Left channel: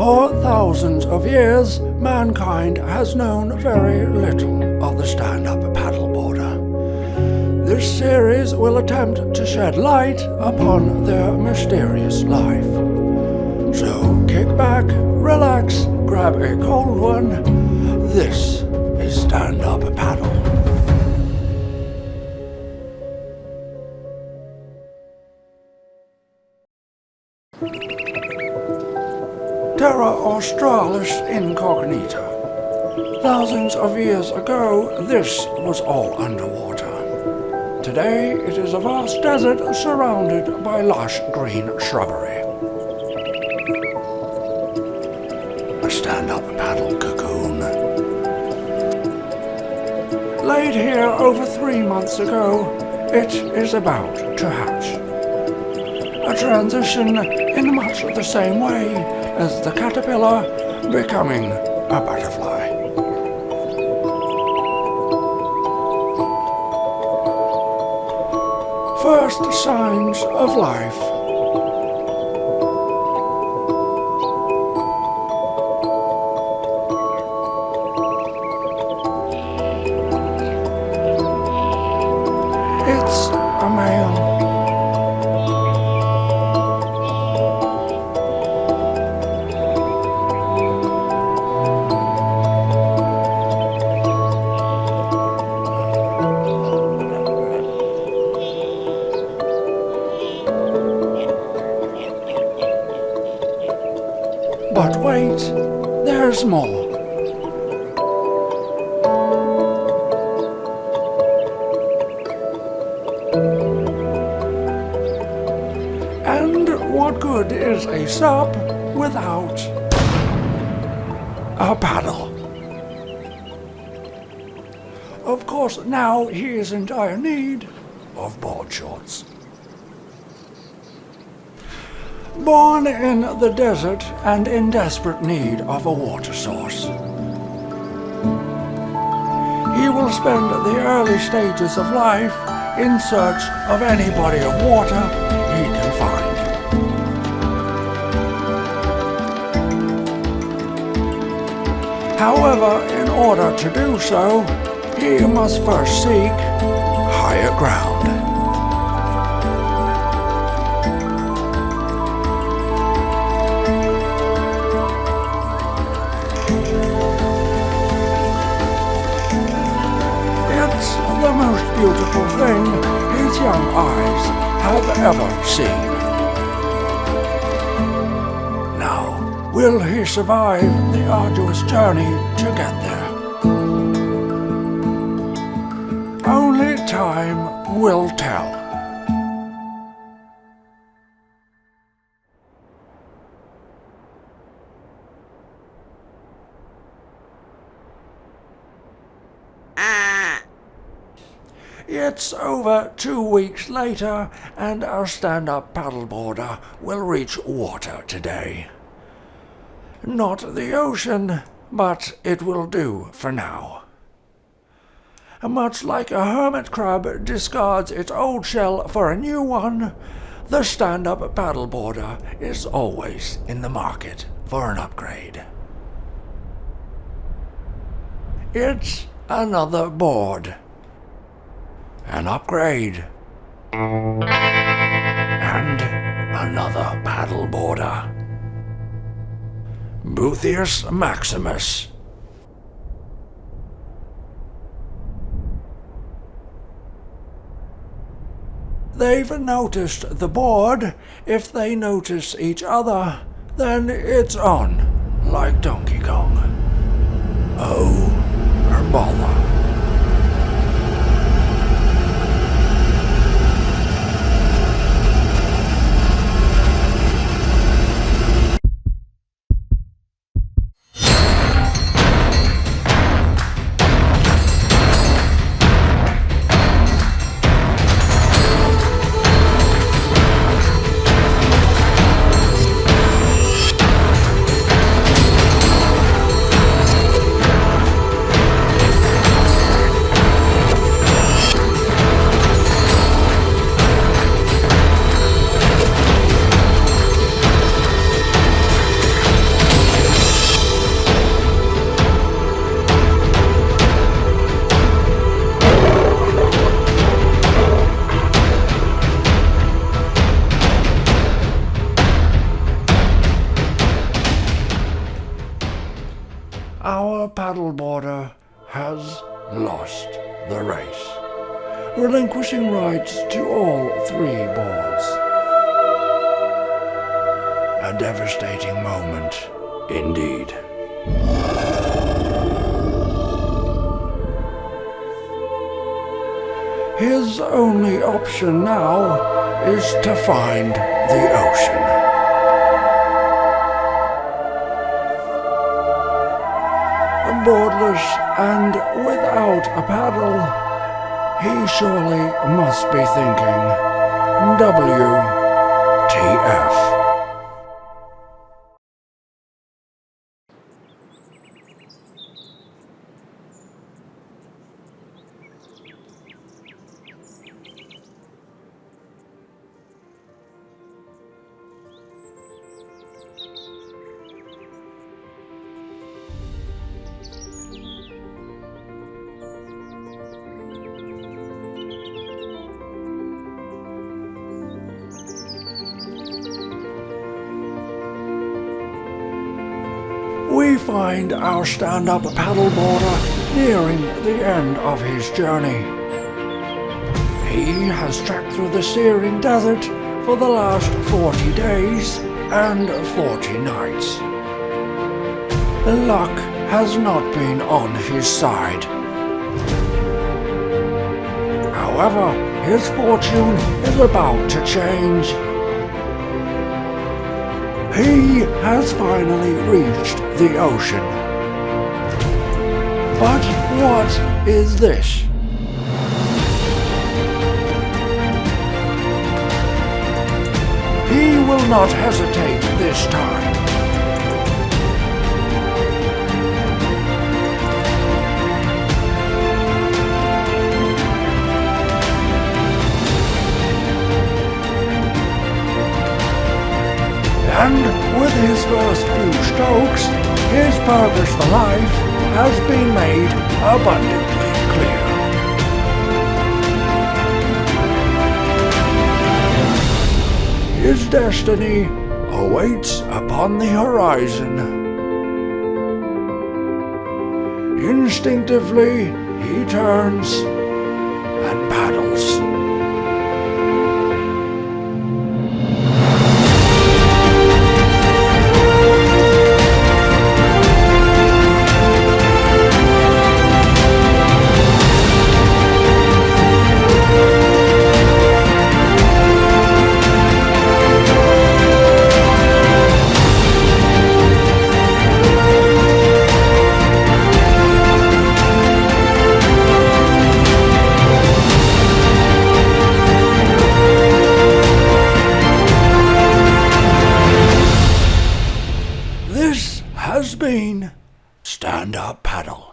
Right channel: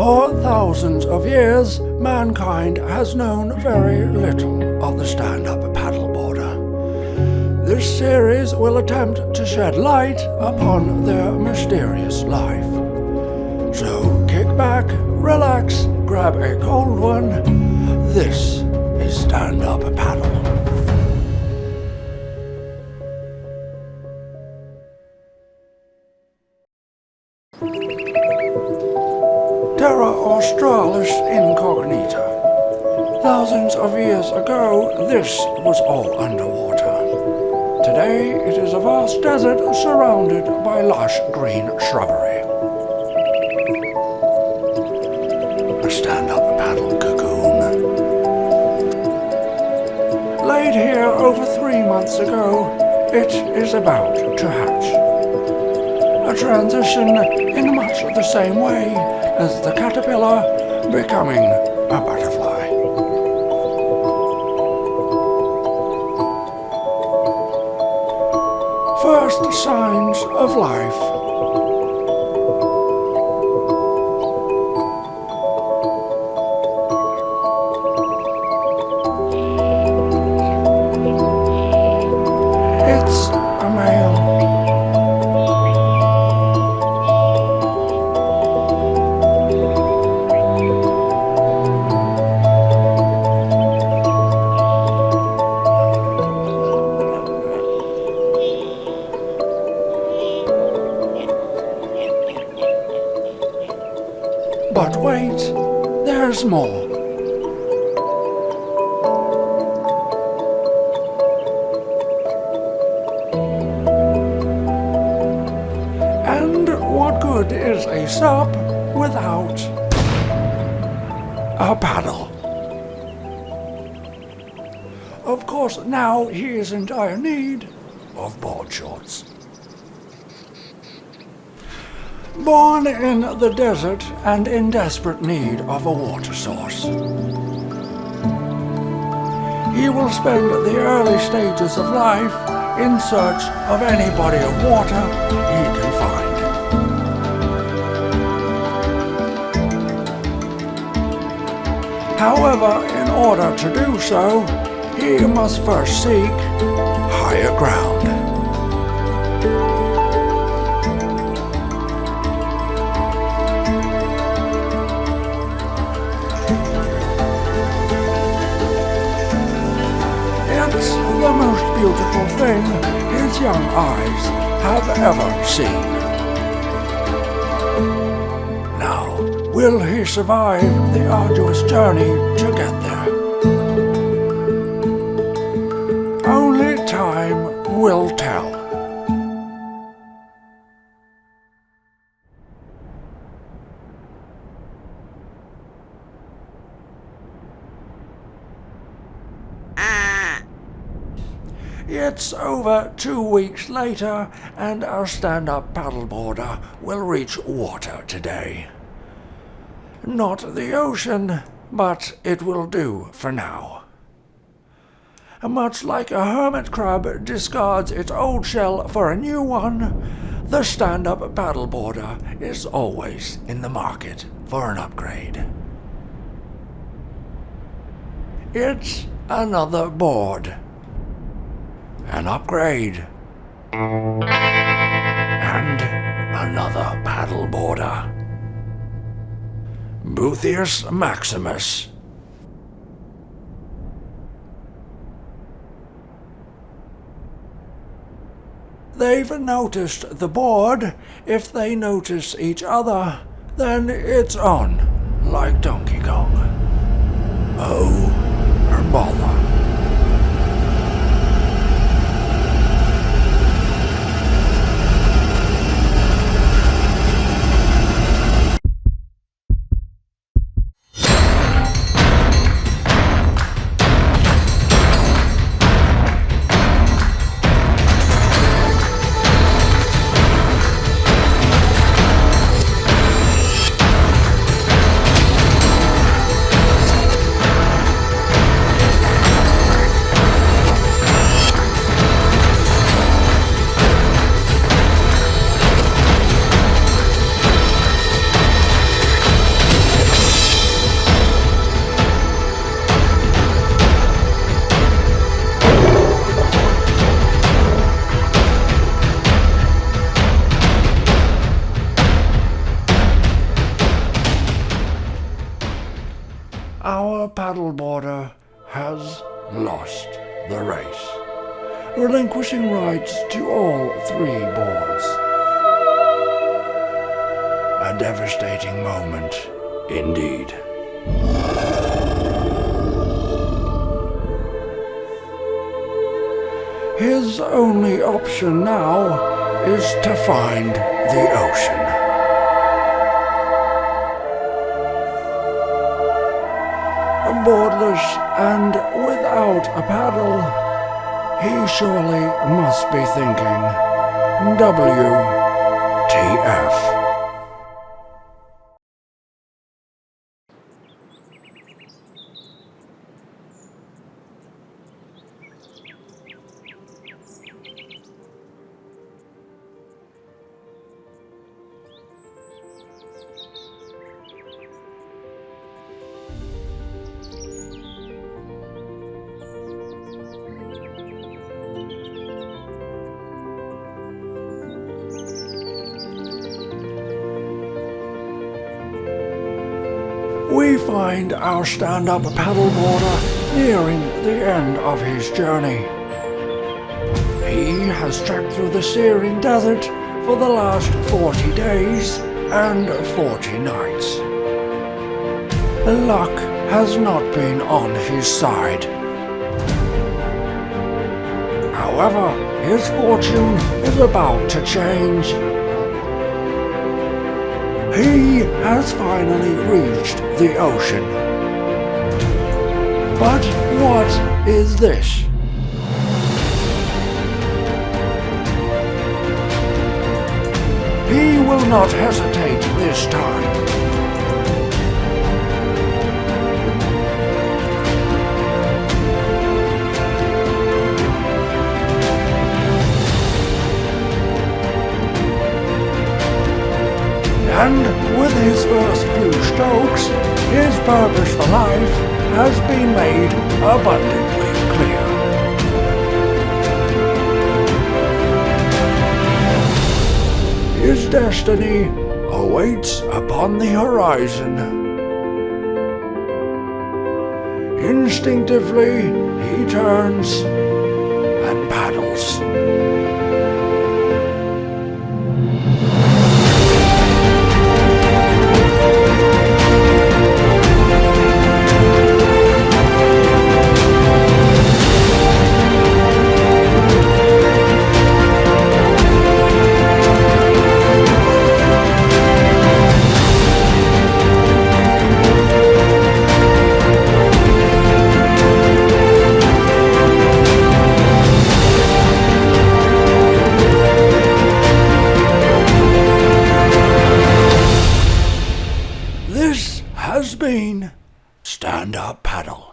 For thousands of years, mankind has known very little of the stand-up paddleboarder. This series will attempt to shed light upon their mysterious life. So kick back, relax, grab a cold one. This is Stand-Up Paddle. Terra Australis Incognita. Thousands of years ago, this was all underwater. Today, it is a vast desert surrounded by lush green shrubbery. A stand-up paddle cocoon. Laid here over 3 months ago, it is about to hatch. A transition in much the same way as the caterpillar becoming a butterfly. First signs of life. It's a male. But wait, there's more. And what good is a SUP without a paddle? Of course, now he is in dire need of board shorts. Born in the desert and in desperate need of a water source, he will spend the early stages of life in search of any body of water he can find. However, in order to do so, he must first seek higher ground. It's the most beautiful thing his young eyes have ever seen. Now, will he survive the arduous journey to get there? Only time will tell. It's over 2 weeks later, and our stand-up paddleboarder will reach water today. Not the ocean, but it will do for now. Much like a hermit crab discards its old shell for a new one, the stand-up paddleboarder is always in the market for an upgrade. It's another board. An upgrade. And another paddleboarder. Boothius Maximus. They've noticed the board. If they notice each other, then it's on, like Donkey Kong. Oh, bother. paddleboarder has lost the race, relinquishing rights to all 3 boards. A devastating moment indeed. His only option now is to find the ocean. Boardless and without a paddle, he surely must be thinking, WTF. We find our stand-up paddleboarder nearing the end of his journey. He has trekked through the searing desert for the last 40 days and 40 nights. Luck has not been on his side. However, his fortune is about to change. He has finally reached the ocean. But what is this? He will not hesitate this time. And with his first few strokes, his purpose for life has been made abundantly clear. His destiny awaits upon the horizon. Instinctively, he turns and paddles. This has been Stand Up Paddle.